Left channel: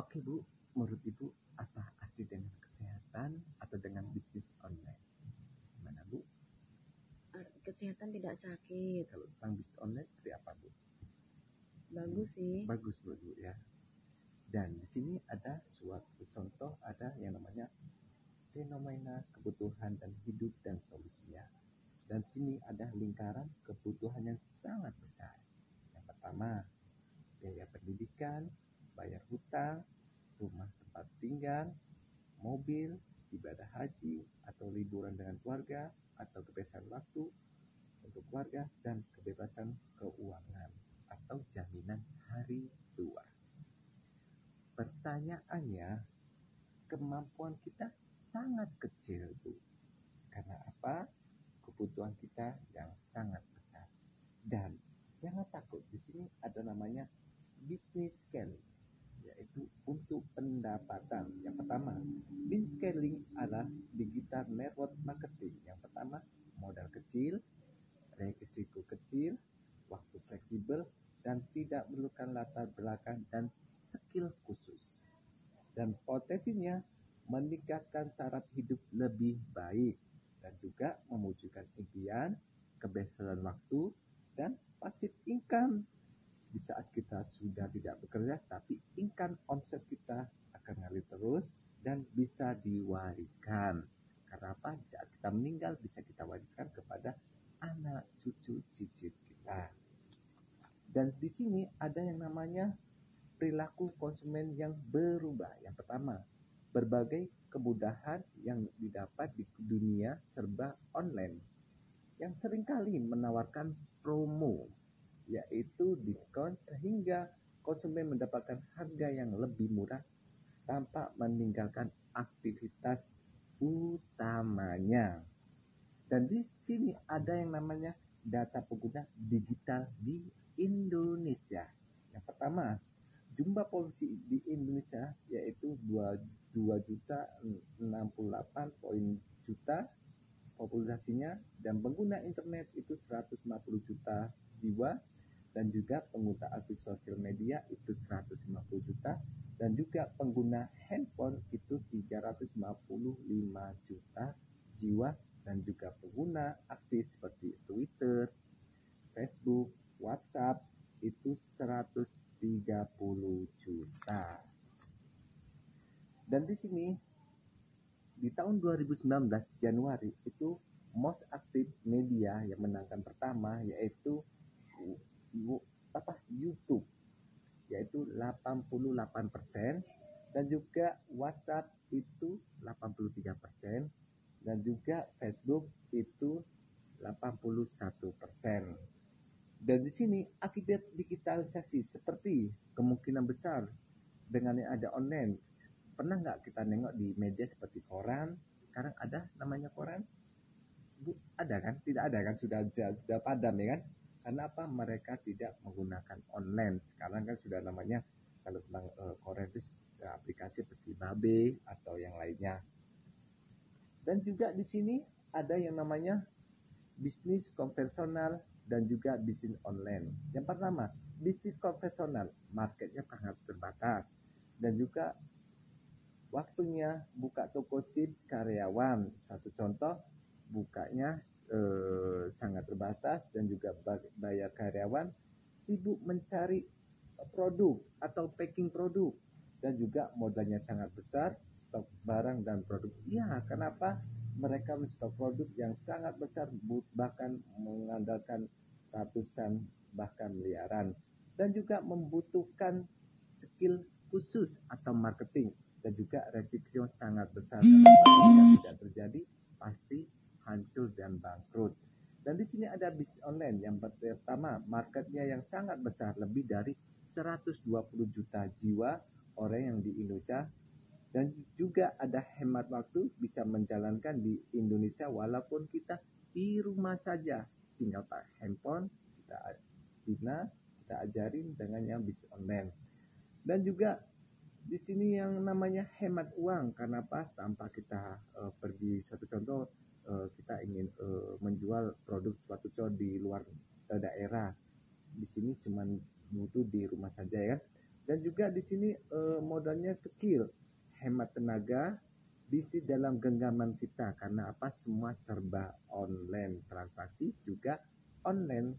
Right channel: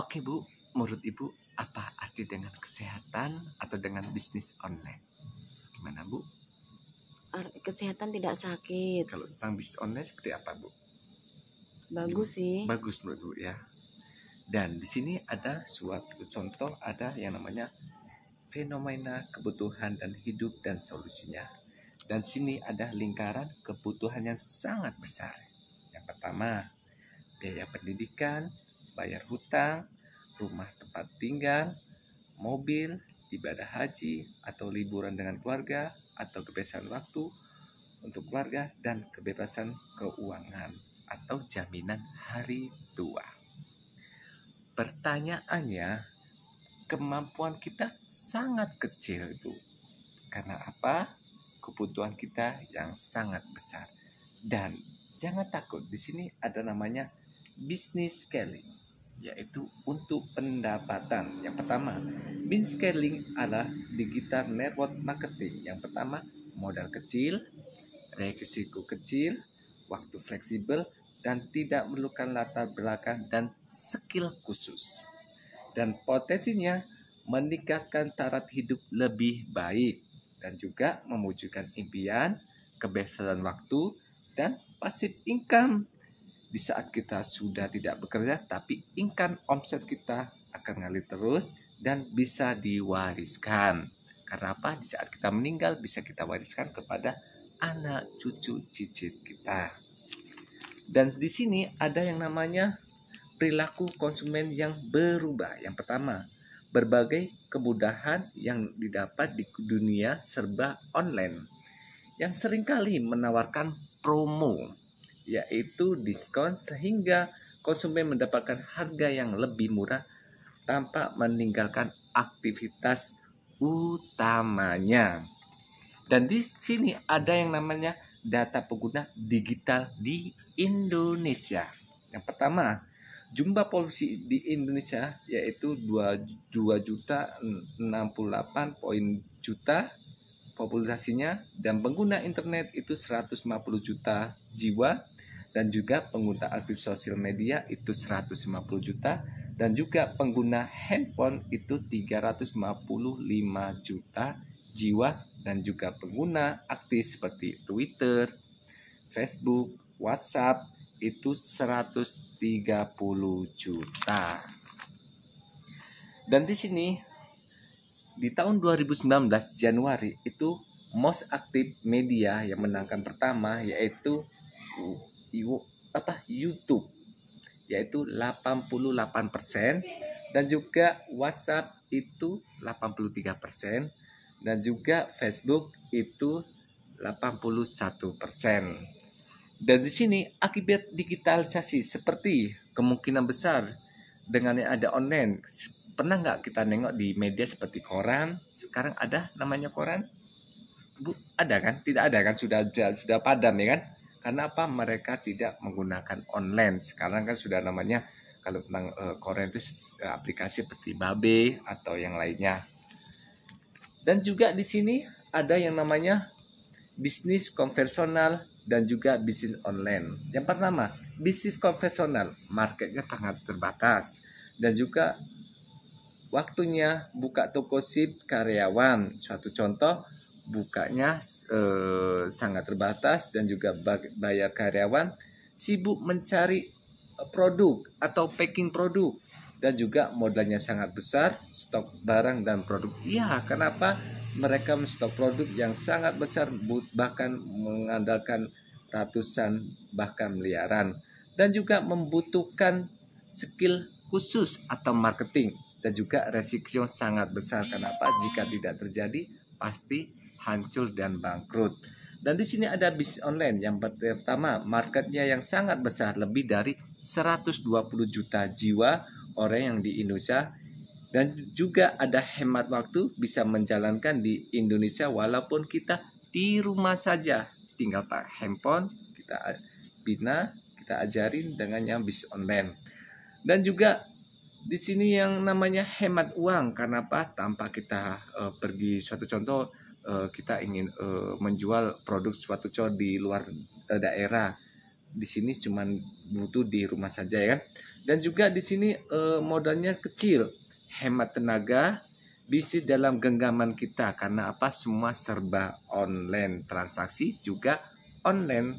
Oke Bu, menurut Ibu apa arti dengan kesehatan atau dengan bisnis online? Gimana Bu? Kesehatan tidak sakit. Kalau tentang bisnis online seperti apa Bu? Bagus sih. Bagus menurut Bu ya. Dan di sini ada suatu contoh, ada yang namanya fenomena kebutuhan dan hidup dan solusinya. Dan sini ada lingkaran kebutuhan yang sangat besar. Yang pertama, biaya pendidikan, bayar hutang, rumah tempat tinggal, mobil, ibadah haji, atau liburan dengan keluarga, atau kebebasan waktu untuk keluarga, dan kebebasan keuangan atau jaminan hari tua. Pertanyaannya, kemampuan kita sangat kecil Bu. Karena apa? Kebutuhan kita yang sangat besar. Dan jangan takut, di sini ada namanya business scaling, yaitu untuk pendapatan. Yang pertama, business scaling adalah digital network marketing. Yang pertama, modal kecil, risiko kecil, waktu fleksibel, dan tidak memerlukan latar belakang dan skill khusus. Dan potensinya meningkatkan taraf hidup lebih baik dan juga mewujudkan impian, kebebasan waktu, dan passive income. Di saat kita sudah tidak bekerja, tapi income omset kita akan ngalir terus dan bisa diwariskan. Karena apa? Di saat kita meninggal bisa kita wariskan kepada anak cucu cicit kita. Dan di sini ada yang namanya perilaku konsumen yang berubah. Yang pertama, berbagai kemudahan yang didapat di dunia serba online yang seringkali menawarkan promo, yaitu diskon, sehingga konsumen mendapatkan harga yang lebih murah tanpa meninggalkan aktivitas utamanya. Dan di sini ada yang namanya data pengguna digital di Indonesia. Yang pertama, jumlah polusi di Indonesia yaitu 2.068 juta populasinya, dan pengguna internet itu 150 juta jiwa, dan juga pengguna aktif sosial media itu 150 juta, dan juga pengguna handphone itu 355 juta jiwa, dan juga pengguna aktif seperti Twitter, Facebook, WhatsApp itu 130 juta. Dan di sini di tahun 2019 Januari itu most active media yang menangkan pertama yaitu YouTube, yaitu 88%, dan juga WhatsApp itu 83%, dan juga Facebook itu 81%. Dan di sini akibat digitalisasi seperti kemungkinan besar dengan yang ada online. Pernah nggak kita nengok di media seperti koran? Sekarang ada namanya koran? Bu, ada kan? Tidak ada kan? Sudah padam ya kan? Karena apa? Mereka tidak menggunakan online. Sekarang kan sudah namanya kalau tentang koran itu aplikasi seperti Babe atau yang lainnya. Dan juga di sini ada yang namanya bisnis konvensional dan juga bisnis online. Yang pertama, bisnis konvensional, marketnya sangat terbatas dan juga waktunya buka toko shift karyawan. Suatu contoh, bukanya sangat terbatas dan juga bayar karyawan, sibuk mencari produk atau packing produk, dan juga modalnya sangat besar, stok barang dan produk. Iya, kenapa? Mereka menstok produk yang sangat besar, bahkan mengandalkan ratusan bahkan miliaran, dan juga membutuhkan skill khusus atau marketing, dan juga resiko sangat besar. Kenapa? Jika tidak terjadi pasti hancur dan bangkrut. Dan di sini ada bisnis online. Yang pertama, marketnya yang sangat besar, lebih dari 120 juta jiwa orang yang di Indonesia. Dan juga ada hemat waktu, bisa menjalankan di Indonesia walaupun kita di rumah saja. Tinggal pakai handphone, kita bina, kita ajarin dengan yang bisnis online. Dan juga di sini yang namanya hemat uang. Karena apa? Tanpa kita pergi, suatu contoh kita ingin menjual produk suatu contoh di luar daerah. Di sini cuma butuh di rumah saja ya kan. Dan juga di sini modalnya kecil, hemat tenaga, bisnis dalam genggaman kita. Karena apa? Semua serba online, transaksi juga online.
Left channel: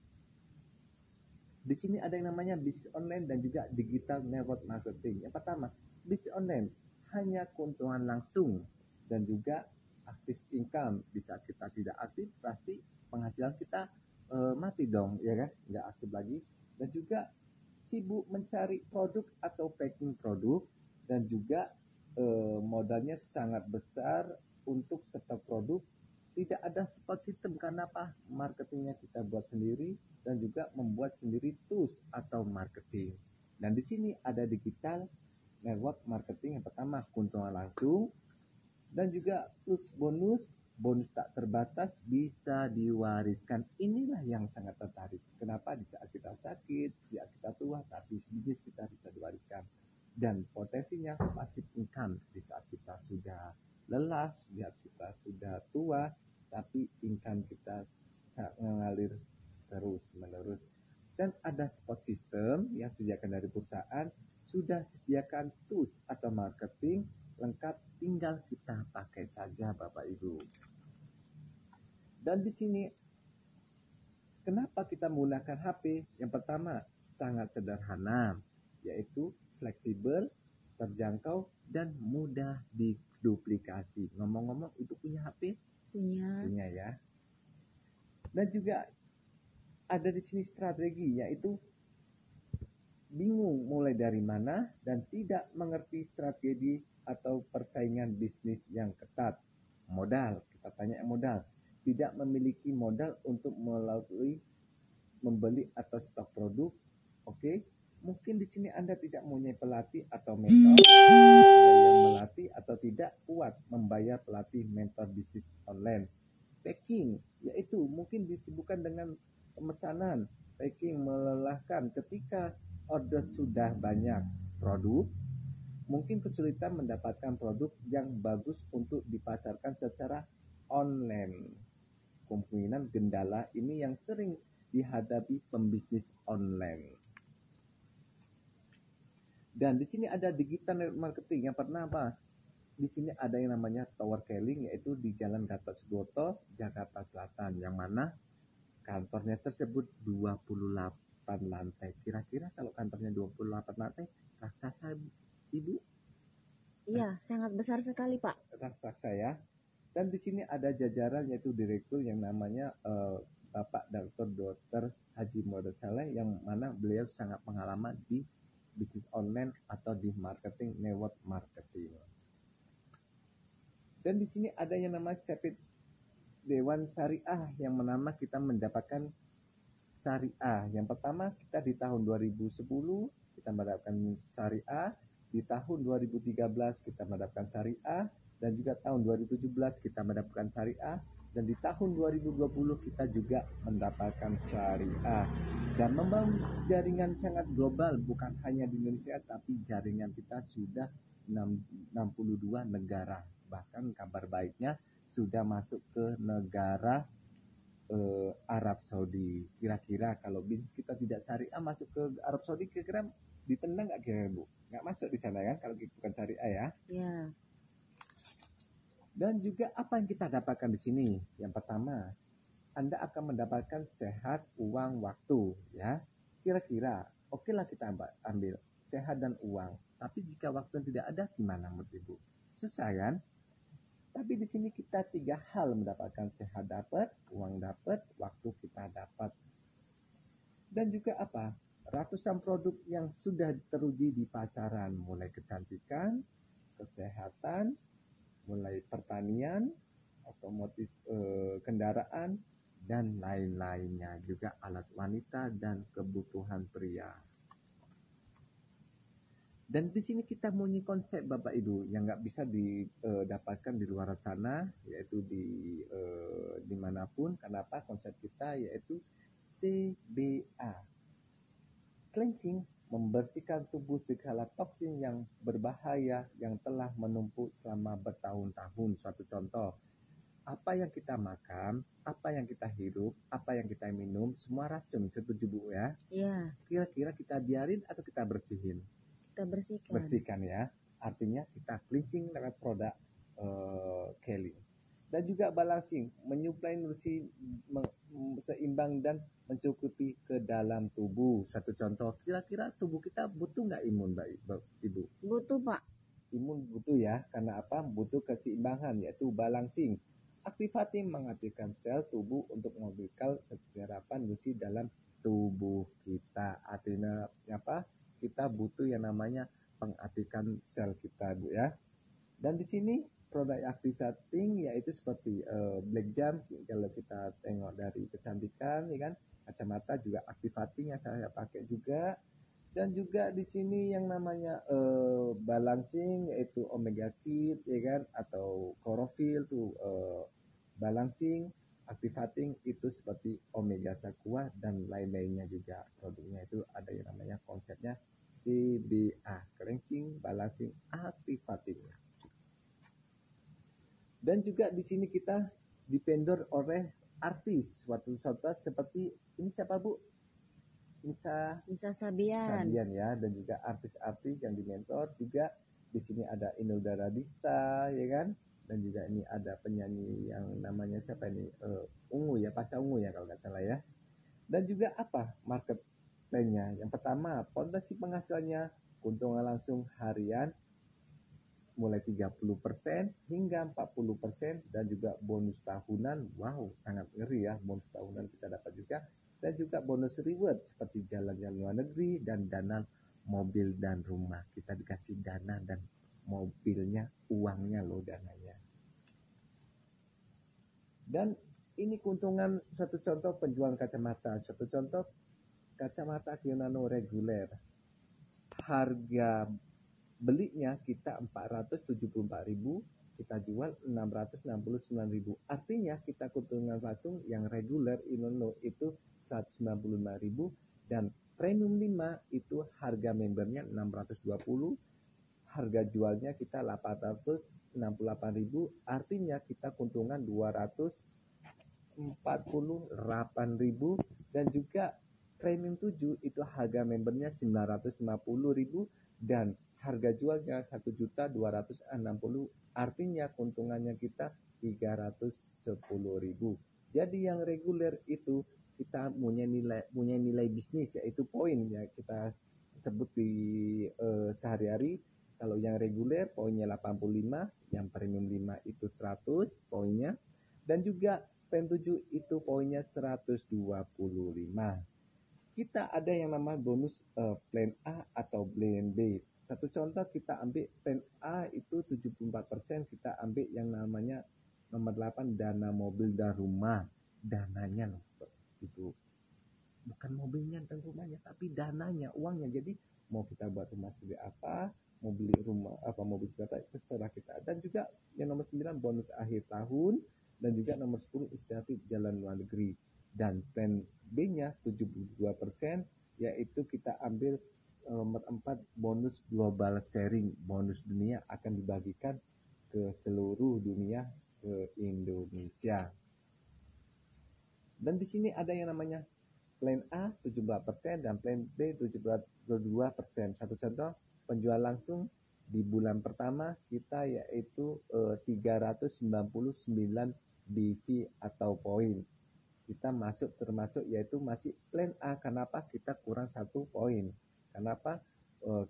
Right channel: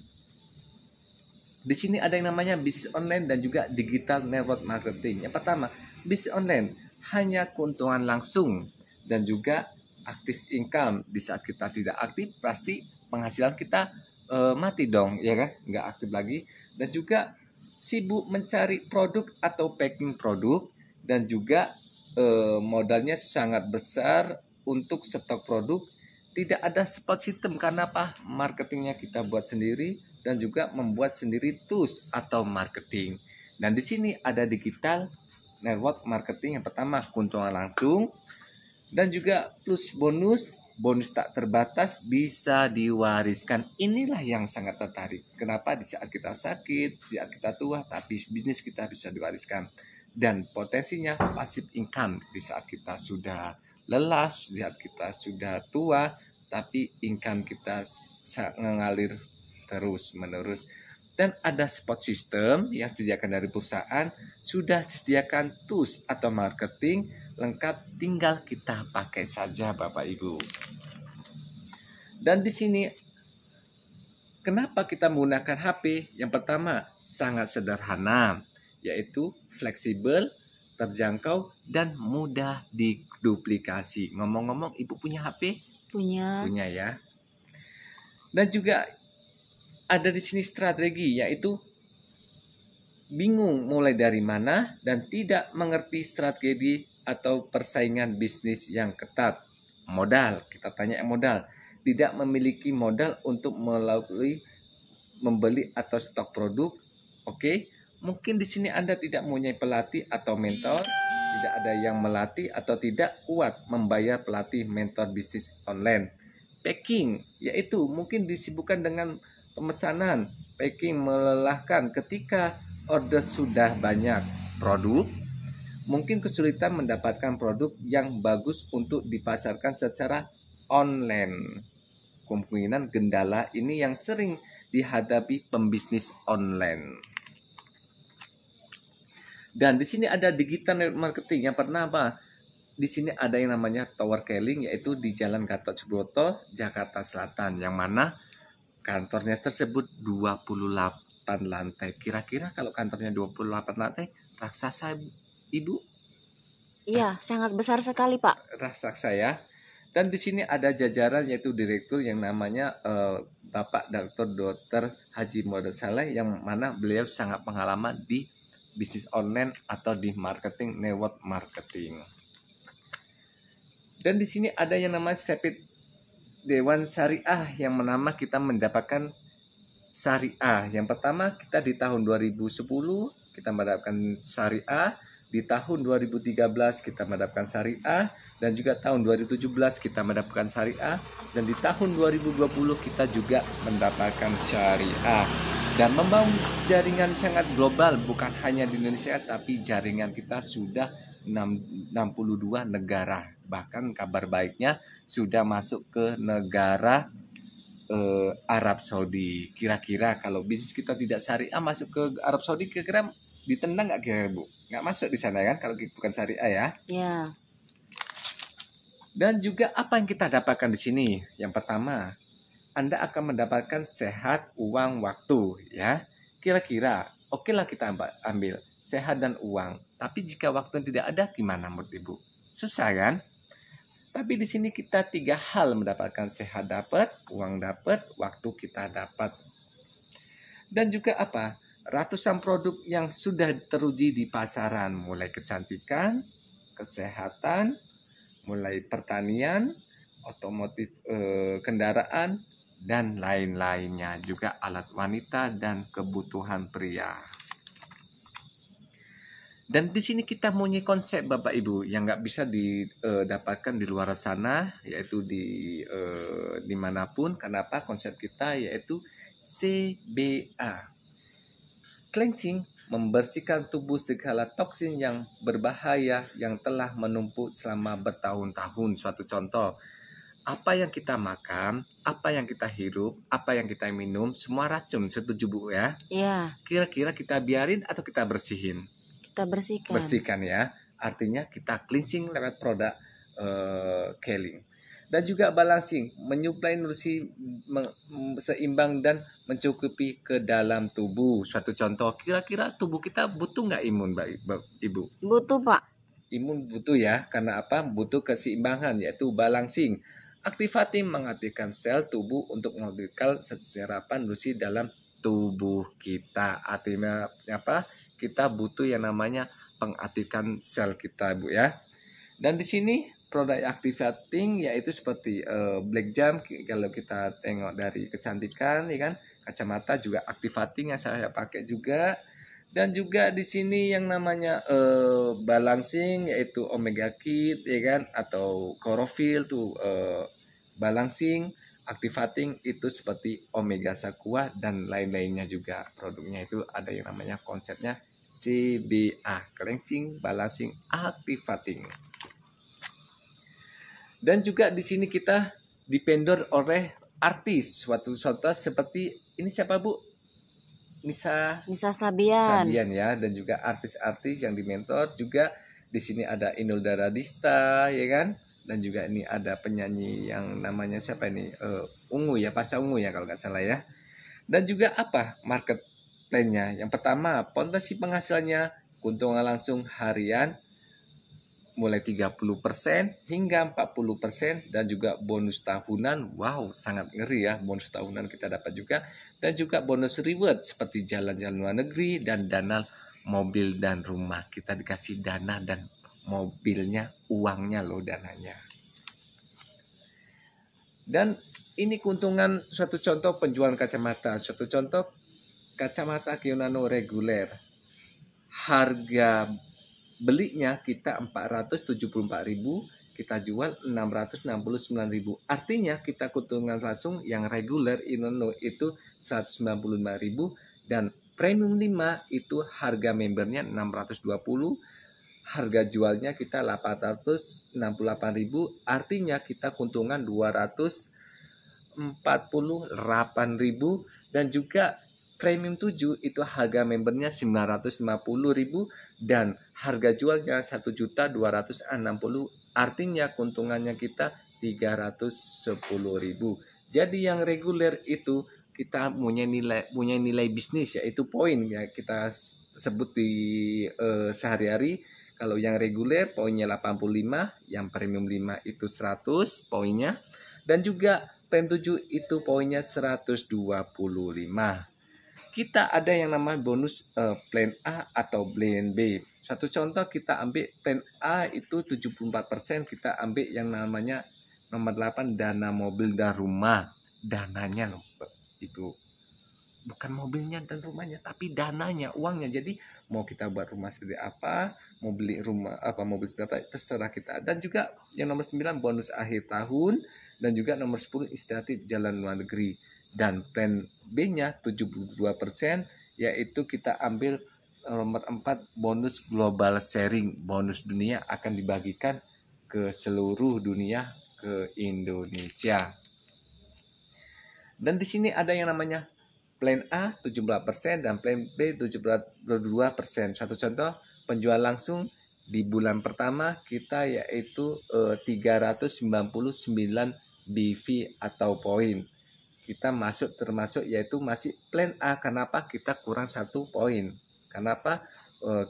Di sini ada yang namanya bisnis online dan juga digital network marketing. Yang pertama, bisnis online hanya keuntungan langsung dan juga aktif income. Di saat kita tidak aktif, pasti penghasilan kita mati dong, ya kan? Nggak aktif lagi. Dan juga sibuk mencari produk atau packing produk, dan juga modalnya sangat besar untuk stok produk. Tidak ada support system, karena apa? Marketingnya kita buat sendiri dan juga membuat sendiri tools atau marketing. Dan di sini ada digital network marketing. Yang pertama, keuntungan langsung dan juga plus bonus tak terbatas, bisa diwariskan. Inilah yang sangat tertarik. Kenapa? Di saat kita sakit, di saat kita tua, tapi bisnis kita bisa diwariskan. Dan potensinya passive income di saat kita sudah lelah, di saat kita sudah tua, tapi income kita mengalir terus menerus. Dan ada support system yang disediakan dari perusahaan, sudah disediakan tools atau marketing lengkap, tinggal kita pakai saja Bapak Ibu. Dan di sini kenapa kita menggunakan HP? Yang pertama, sangat sederhana, yaitu fleksibel, terjangkau, dan mudah diduplikasi. Ngomong-ngomong, Ibu punya HP? Punya. Punya ya. Dan juga ada di sini strategi, yaitu bingung mulai dari mana dan tidak mengerti strategi atau persaingan bisnis yang ketat. Modal, kita tanya modal. Tidak memiliki modal untuk melalui membeli atau stok produk. Oke, mungkin di sini Anda tidak mempunyai pelatih atau mentor, tidak ada yang melatih atau tidak kuat membayar pelatih mentor bisnis online. Packing, yaitu mungkin disibukkan dengan pemesanan. Packing melelahkan ketika order sudah banyak produk. Mungkin kesulitan mendapatkan produk yang bagus untuk dipasarkan secara online. Kemungkinan kendala ini yang sering dihadapi pembisnis online. Dan di sini ada digital marketing. Yang pertama, di sini ada yang namanya Tower Keling, yaitu di Jalan Gatot Subroto, Jakarta Selatan, yang mana kantornya tersebut 28 lantai. Kira-kira kalau kantornya 28 lantai, raksasa Ibu? Iya, sangat besar sekali Pak. Raksasa ya. Dan di sini ada jajaran, yaitu direktur yang namanya Bapak Dr. Haji Muhammad Saleh, yang mana beliau sangat pengalaman di bisnis online atau di marketing, network marketing. Dan di sini ada yang namanya Sepit Dewan Syariah, yang menambah kita mendapatkan syariah. Yang pertama, kita di tahun 2010 kita mendapatkan syariah, di tahun 2013 kita mendapatkan syariah, dan juga tahun 2017 kita mendapatkan syariah, dan di tahun 2020 kita juga mendapatkan syariah. Dan membangun jaringan sangat global, bukan hanya di Indonesia, tapi jaringan kita sudah 62 negara. Bahkan kabar baiknya sudah masuk ke negara Arab Saudi. Kira-kira kalau bisnis kita tidak syariah masuk ke Arab Saudi, kira-kira ditendang nggak kira Bu? Nggak masuk di sana kan kalau bukan syariah ya. Ya. Dan juga apa yang kita dapatkan di sini? Yang pertama, Anda akan mendapatkan sehat, uang, waktu ya. Kira-kira oke lah kita ambil sehat dan uang. Tapi jika waktu tidak ada, gimana menurut Ibu? Susah kan? Tapi di sini kita 3 hal mendapatkan: sehat dapat, uang dapat, waktu kita dapat. Dan juga apa? Ratusan produk yang sudah teruji di pasaran, mulai kecantikan, kesehatan, mulai pertanian, otomotif, kendaraan, dan lain-lainnya. Juga alat wanita dan kebutuhan pria. Dan di sini kita punya konsep Bapak Ibu yang nggak bisa didapatkan di luar sana, yaitu dimanapun. Kenapa? Konsep kita yaitu CBA, cleansing, membersihkan tubuh segala toksin yang berbahaya yang telah menumpuk selama bertahun-tahun. Suatu contoh, apa yang kita makan, apa yang kita hirup, apa yang kita minum, semua racun. Setuju Bu ya? Iya. Kira-kira kita biarin atau kita bersihin? Kita bersihkan. bersihkan ya. Artinya kita cleansing lewat produk Keling. Dan juga balancing, menyuplai nutrisi seimbang dan mencukupi ke dalam tubuh. Suatu contoh, kira-kira tubuh kita butuh nggak imun, Ibu? Butuh, Pak. Imun butuh ya, karena apa? Butuh keseimbangan, yaitu balancing. Activating mengaktifkan sel tubuh untuk mengaktifkan serapan nutrisi dalam tubuh kita. Artinya apa? Kita butuh yang namanya pengaktifkan sel kita, Bu ya. Dan di sini produk activating yaitu seperti Black Jam, kalau kita tengok dari kecantikan ya kan, kacamata juga activating yang saya pakai juga. Dan juga di sini yang namanya balancing yaitu Omega Kit ya kan, atau Chlorophyll tuh balancing, activating itu seperti Omega Aqua dan lain-lainnya juga. Produknya itu ada yang namanya konsepnya CBA, cleansing, balancing, activating. Dan juga di sini kita dipendor oleh artis suatu seperti ini, siapa Bu? Nisa Sabian. ya, dan juga artis-artis yang dimentor juga. Di sini ada Inul Daradista ya kan, dan juga ini ada penyanyi yang namanya siapa ini, Ungu ya, Pasha Ungu ya kalau nggak salah ya. Dan juga apa market plan-nya? Yang pertama, potensi penghasilannya keuntungan langsung harian mulai 30% hingga 40%, dan juga bonus tahunan. Wow, sangat ngeri ya, bonus tahunan kita dapat juga. Dan juga bonus reward seperti jalan-jalan luar negeri dan dana mobil dan rumah. Kita dikasih dana dan mobilnya, uangnya loh dananya. Dan ini keuntungan, suatu contoh penjualan kacamata. Suatu contoh kacamata Kionano reguler. Harga belinya kita 474.000, kita jual 669.000. Artinya kita keuntungan langsung yang reguler Inono itu 195.000, dan premium 5 itu harga membernya 620, harga jualnya kita 868.000. Artinya kita keuntungan 248.000. Dan juga premium 7 itu harga membernya 950.000 dan harga jualnya 1.260.000. Artinya keuntungannya kita 310.000. Jadi yang reguler itu kita punya nilai bisnis, yaitu poin ya, kita sebut di sehari-hari. Kalau yang reguler poinnya 85, yang premium 5 itu 100 poinnya, dan juga premium 7 itu poinnya 125. Kita ada yang namanya bonus plan A atau plan B. Satu contoh, kita ambil plan A itu 74%, kita ambil yang namanya nomor 8, dana mobil dan rumah. Dananya loh Ibu, bukan mobilnya dan rumahnya, tapi dananya, uangnya. Jadi mau kita buat rumah seperti apa, mau beli rumah apa, mobil seperti apa, terserah kita. Dan juga yang nomor 9 bonus akhir tahun, dan juga nomor 10 inisiatif jalan luar negeri. Dan plan B-nya 72%, yaitu kita ambil nomor 4 bonus global sharing, bonus dunia akan dibagikan ke seluruh dunia, ke Indonesia. Dan di sini ada yang namanya plan A 17% dan plan B 72%. Satu contoh penjual langsung di bulan pertama kita yaitu 399 BV atau poin. Kita termasuk yaitu masih plan A. Kenapa? Kita kurang 1 poin. Kenapa?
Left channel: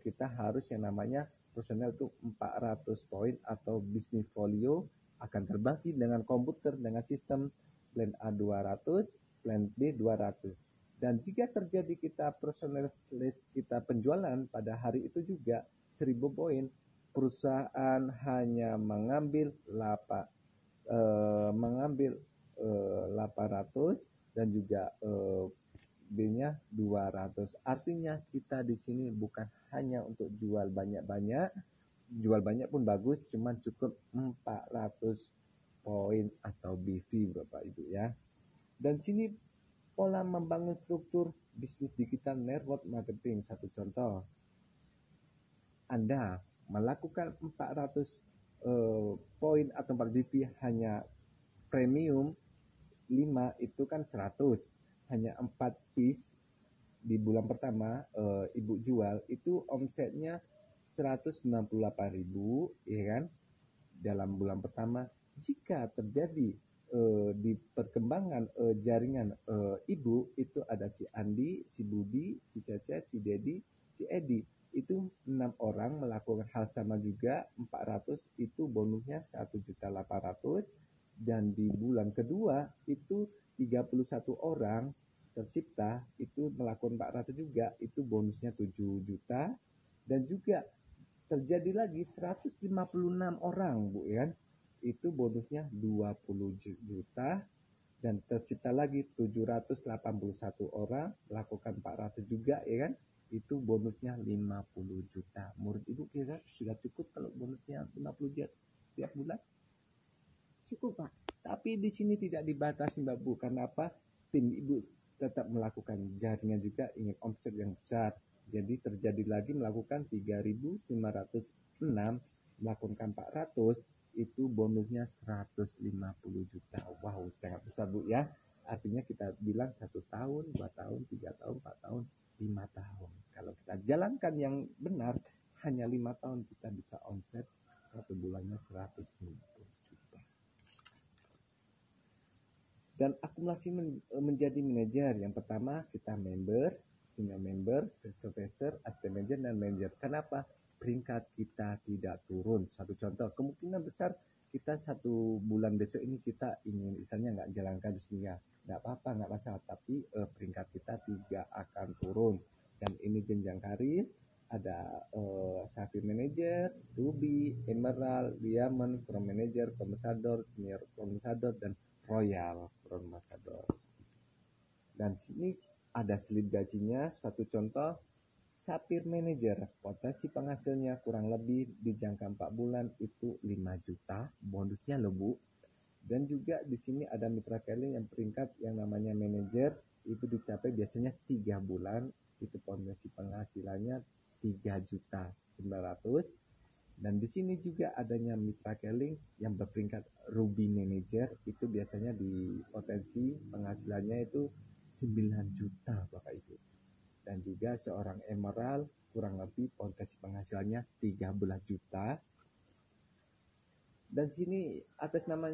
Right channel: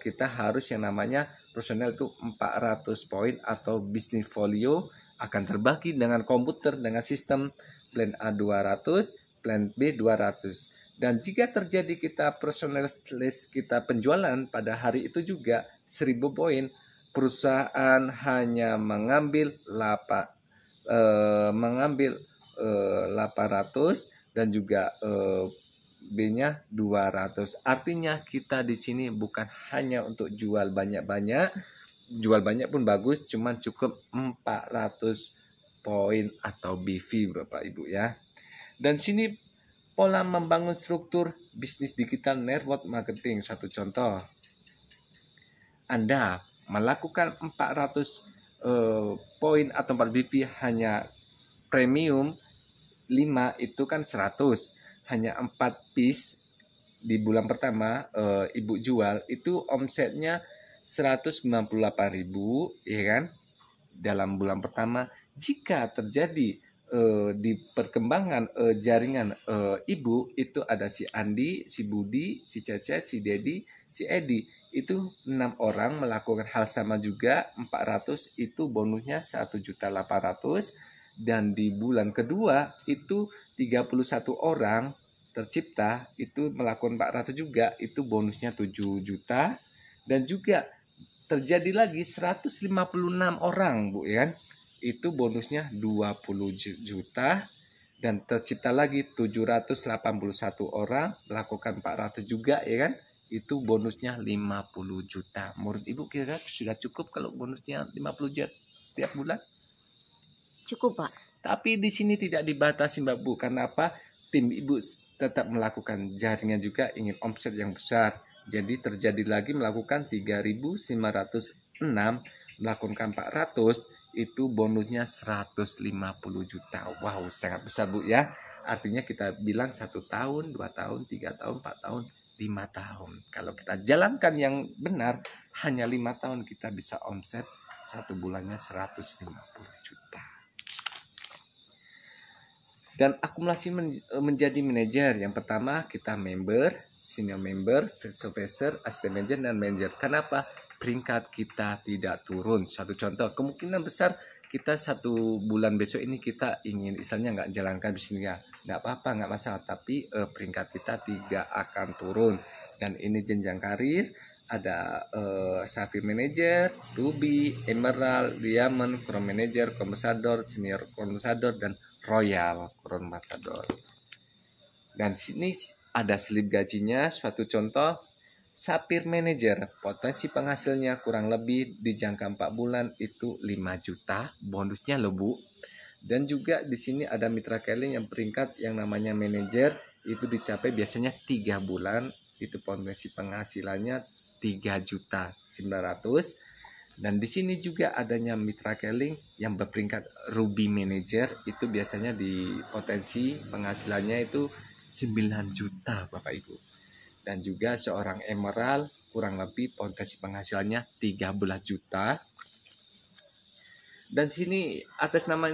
Kita harus yang namanya personel itu 400 poin atau business folio akan terbagi dengan komputer dengan sistem plan A 200, plan B 200. Dan jika terjadi kita personel list kita penjualan pada hari itu juga 1000 poin, perusahaan hanya mengambil 800 dan juga B-nya 200. Artinya kita di sini bukan hanya untuk jual banyak-banyak, jual banyak pun bagus, cuman cukup 400 poin atau BV Bapak Ibu ya. Dan sini pola membangun struktur bisnis digital network marketing. Satu contoh, Anda melakukan 400 poin atau 4 BV hanya premium 5 itu kan 100, hanya 4 piece di bulan pertama Ibu jual, itu omsetnya 198.000, ya kan, dalam bulan pertama. Jika terjadi di perkembangan jaringan ibu itu ada si Andi, si Budi, si Cecep, si Dedi, si Edi, itu 6 orang melakukan hal sama juga 400, itu bonusnya 1.800.000. Dan di bulan kedua itu 31 orang tercipta itu melakukan 400 juga, itu bonusnya 7 juta. Dan juga terjadi lagi 156 orang, Bu, ya kan, itu bonusnya 20 juta. Dan tercipta lagi 781 orang melakukan 400 juga, ya kan, itu bonusnya 50 juta. Menurut Ibu kira sudah cukup kalau bonusnya 50 juta tiap bulan? Cukup, Pak. Tapi di sini tidak dibatasi, Mbak Bu. Karena apa? Tim Ibu tetap melakukan jaringan juga, ingin omset yang besar. Jadi terjadi lagi melakukan 3.906, melakukan 400, itu bonusnya 150 juta. Wow, sangat besar, Bu, ya. Artinya kita bilang 1 tahun, 2 tahun, 3 tahun, 4 tahun, 5 tahun. Kalau kita jalankan yang benar, hanya 5 tahun kita bisa omset 1 bulannya 150 juta. Dan akumulasi menjadi manajer, yang pertama kita member, senior member, supervisor, assistant manager, dan manager. Kenapa? Peringkat kita tidak turun. Satu contoh, kemungkinan besar kita 1 bulan besok ini kita ingin misalnya nggak jalankan bisnisnya, nggak apa-apa, nggak masalah. Tapi peringkat kita tidak akan turun. Dan ini jenjang karir, ada Sapphire Manager, Ruby, Emerald, Diamond, Crown Manager, Ambassador, Senior Ambassador, dan Royal Crown Ambassador. Dan sini ada slip gajinya. Suatu contoh, Sapphire Manager, potensi penghasilnya kurang lebih di jangka 4 bulan itu 5 juta bonusnya loh, Bu. Dan juga di sini ada mitra Keling yang peringkat yang namanya manajer, itu dicapai biasanya 3 bulan, itu potensi penghasilannya 3.900.000. Dan di sini juga adanya mitra Keling yang berperingkat Ruby Manager, itu biasanya di potensi penghasilannya itu 9 juta, Bapak Ibu. Dan juga seorang Emerald kurang lebih potensi penghasilannya 13 juta. Dan sini atas nama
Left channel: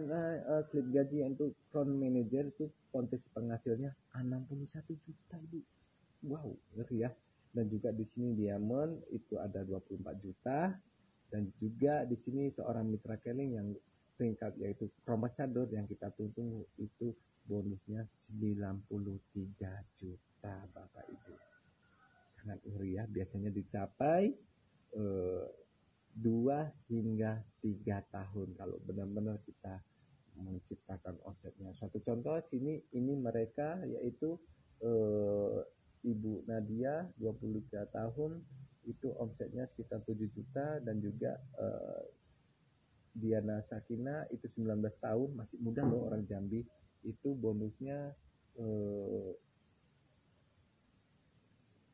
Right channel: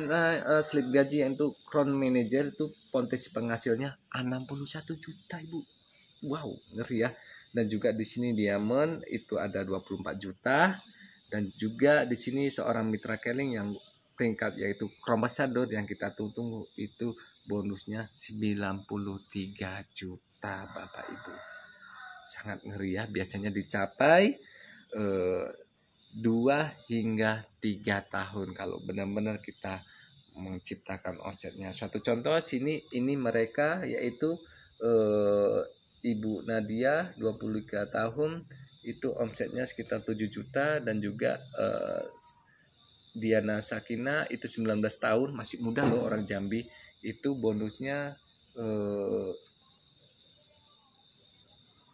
slip gaji yang itu Crown Manager itu potensi penghasilnya 61 juta, Ibu. Wow, ngeri ya. Dan juga di sini Diamond itu ada 24 juta. Dan juga di sini seorang mitra Keling yang peringkat yaitu Crown Ambassador yang kita tunggu itu bonusnya 93 juta, Bapak Ibu. Sangat ngeri ya, biasanya dicapai 2 hingga 3 tahun kalau benar-benar kita menciptakan omsetnya. Suatu contoh sini ini mereka yaitu Ibu Nadia 23 tahun itu omsetnya sekitar 7 juta. Dan juga Diana Sakina itu 19 tahun, masih muda loh, orang Jambi, itu bonusnya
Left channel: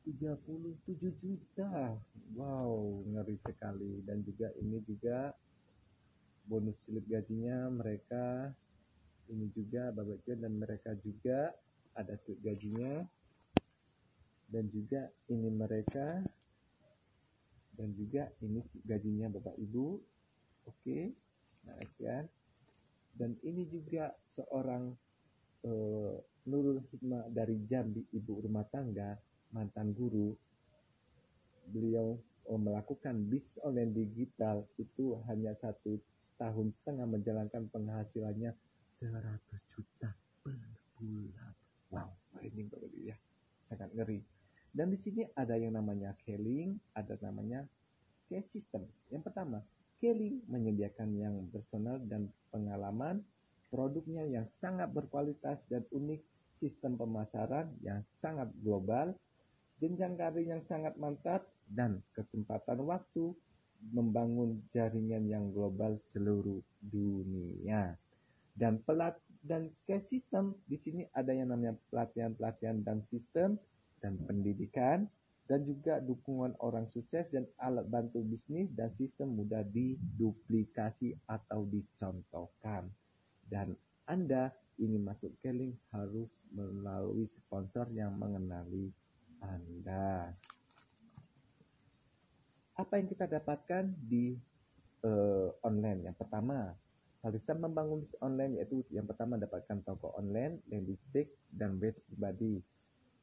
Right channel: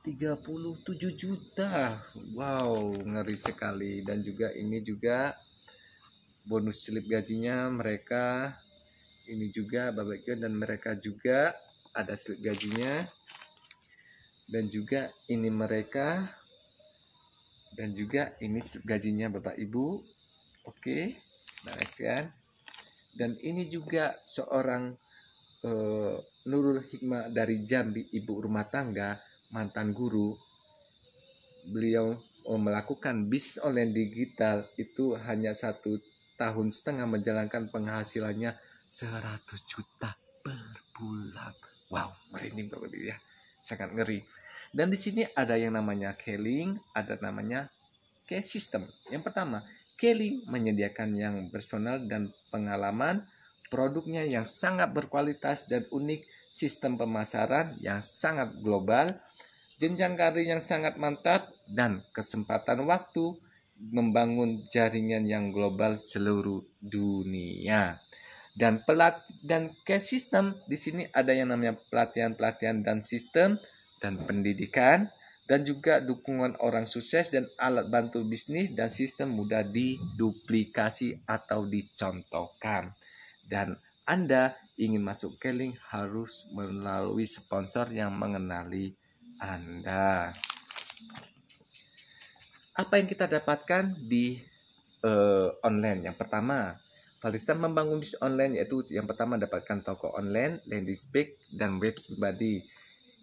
37 juta. Wow, ngeri sekali. Dan juga ini juga bonus slip gajinya mereka, ini juga Bapak Ibu, dan mereka juga ada slip gajinya. Dan juga ini mereka, dan juga ini slip gajinya Bapak Ibu. Oke, nice kan. Dan ini juga seorang Nurul Hikmah dari Jambi, ibu rumah tangga, mantan guru. Beliau melakukan bisnis online digital itu hanya 1,5 tahun menjalankan penghasilannya 100 juta per bulan. Wow, merinding Bapak Ibu ya, sangat ngeri. Dan di sini ada yang namanya Keling, ada namanya Cash System. Yang pertama, Keling menyediakan yang personal dan pengalaman, produknya yang sangat berkualitas dan unik, sistem pemasaran yang sangat global, jenjang karir yang sangat mantap, dan kesempatan waktu membangun jaringan yang global seluruh dunia. Dan Cash System di sini ada yang namanya pelatihan dan sistem dan pendidikan, dan juga dukungan orang sukses dan alat bantu bisnis dan sistem mudah diduplikasi atau dicontohkan. Dan Anda ingin masuk Keling harus melalui sponsor yang mengenali Anda. Apa yang kita dapatkan di online? Yang pertama, Valista membangun bisnis online, yaitu yang pertama dapatkan toko online, landing page, dan web pribadi.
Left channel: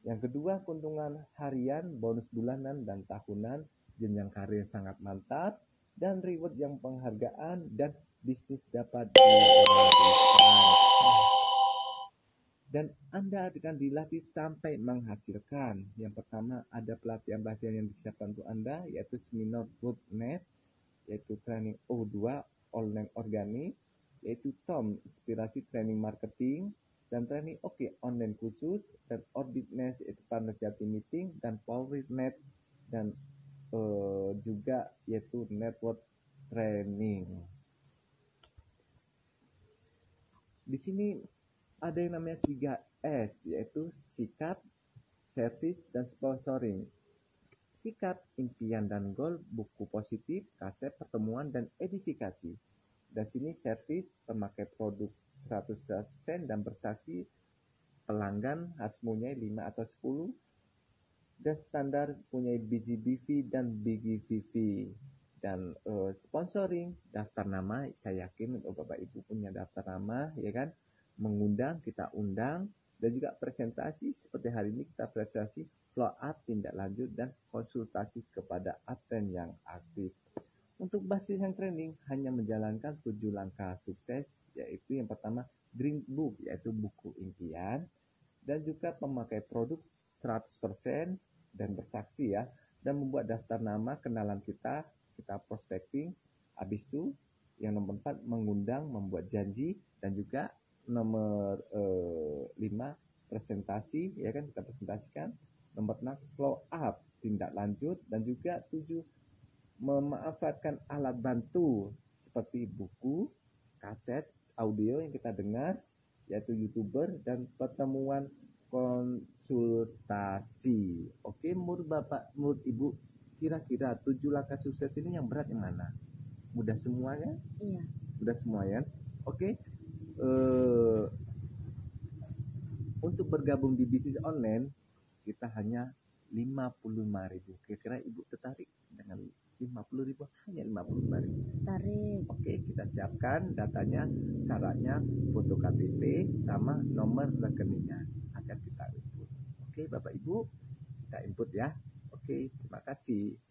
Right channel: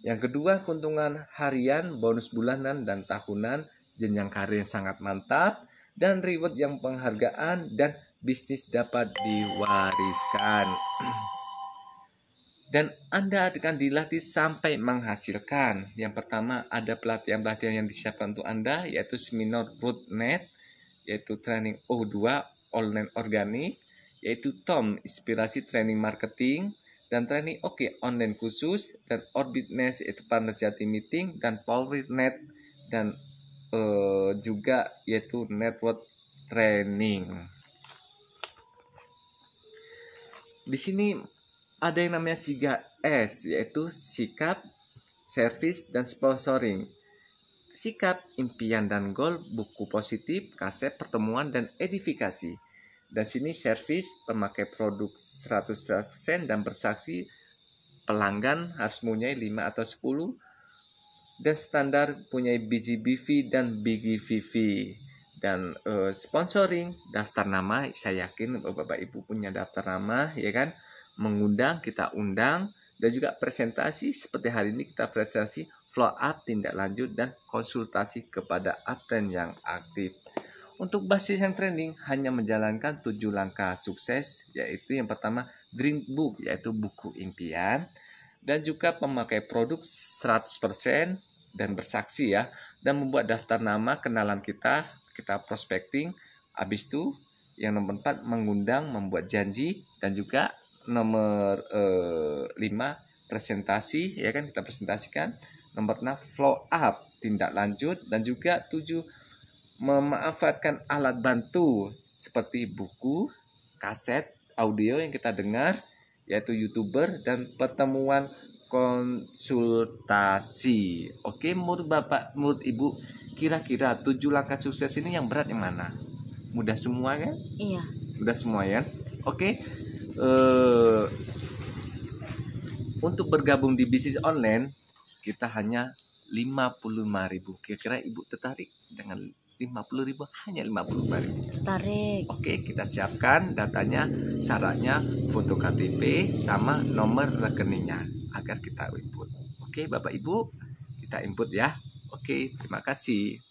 Yang kedua, keuntungan harian, bonus bulanan dan tahunan, jenjang karir yang sangat mantap, dan reward yang penghargaan, dan bisnis dapat diwariskan. Dan Anda akan dilatih sampai menghasilkan. Yang pertama, ada pelatihan-pelatihan yang disiapkan untuk Anda, yaitu seminar Roadnet, yaitu training O2 online organik, yaitu Tom inspirasi training marketing, dan training online khusus, dan Orbitness yaitu partnership meeting, dan PowerNet, dan juga yaitu network training. Di sini ada yang namanya 3S, yaitu sikap, service, dan sponsoring. Sikap, impian dan goal, buku positif, kaset, pertemuan, dan edifikasi. Dan sini servis, pemakai produk 100% dan bersaksi, pelanggan harus mempunyai 5 atau 10, dan standar punya BGBV dan BGVV. Dan sponsoring, daftar nama, saya yakin Bapak Ibu punya daftar nama, ya kan? Mengundang, kita undang, dan juga presentasi seperti hari ini kita presentasi flow up, tindak lanjut, dan konsultasi kepada admin yang aktif. Untuk basis yang training hanya menjalankan 7 langkah sukses, yaitu yang pertama Dream Book, yaitu buku impian, dan juga pemakai produk 100% dan bersaksi ya, dan membuat daftar nama kenalan kita prospecting. Habis itu yang nomor 4 mengundang, membuat janji, dan juga nomor 5 presentasi, ya kan, kita presentasikan. Nomor 6 flow up, tindak lanjut, dan juga 7 memanfaatkan alat bantu seperti buku, kaset, audio yang kita dengar, yaitu YouTuber, dan pertemuan konsultasi. Oke, menurut Bapak, menurut Ibu, kira-kira 7 langkah sukses ini yang berat yang mana? Mudah semua kan? Iya. Mudah semua ya. Oke. Untuk bergabung di bisnis online kita hanya 55.000. Kira-kira Ibu tertarik dengan 50.000? Hanya 55.000. Tarik. Oke, kita siapkan datanya, syaratnya foto KTP sama nomor rekeningnya agar kita input. Oke, Bapak Ibu, kita input ya. Oke, terima kasih.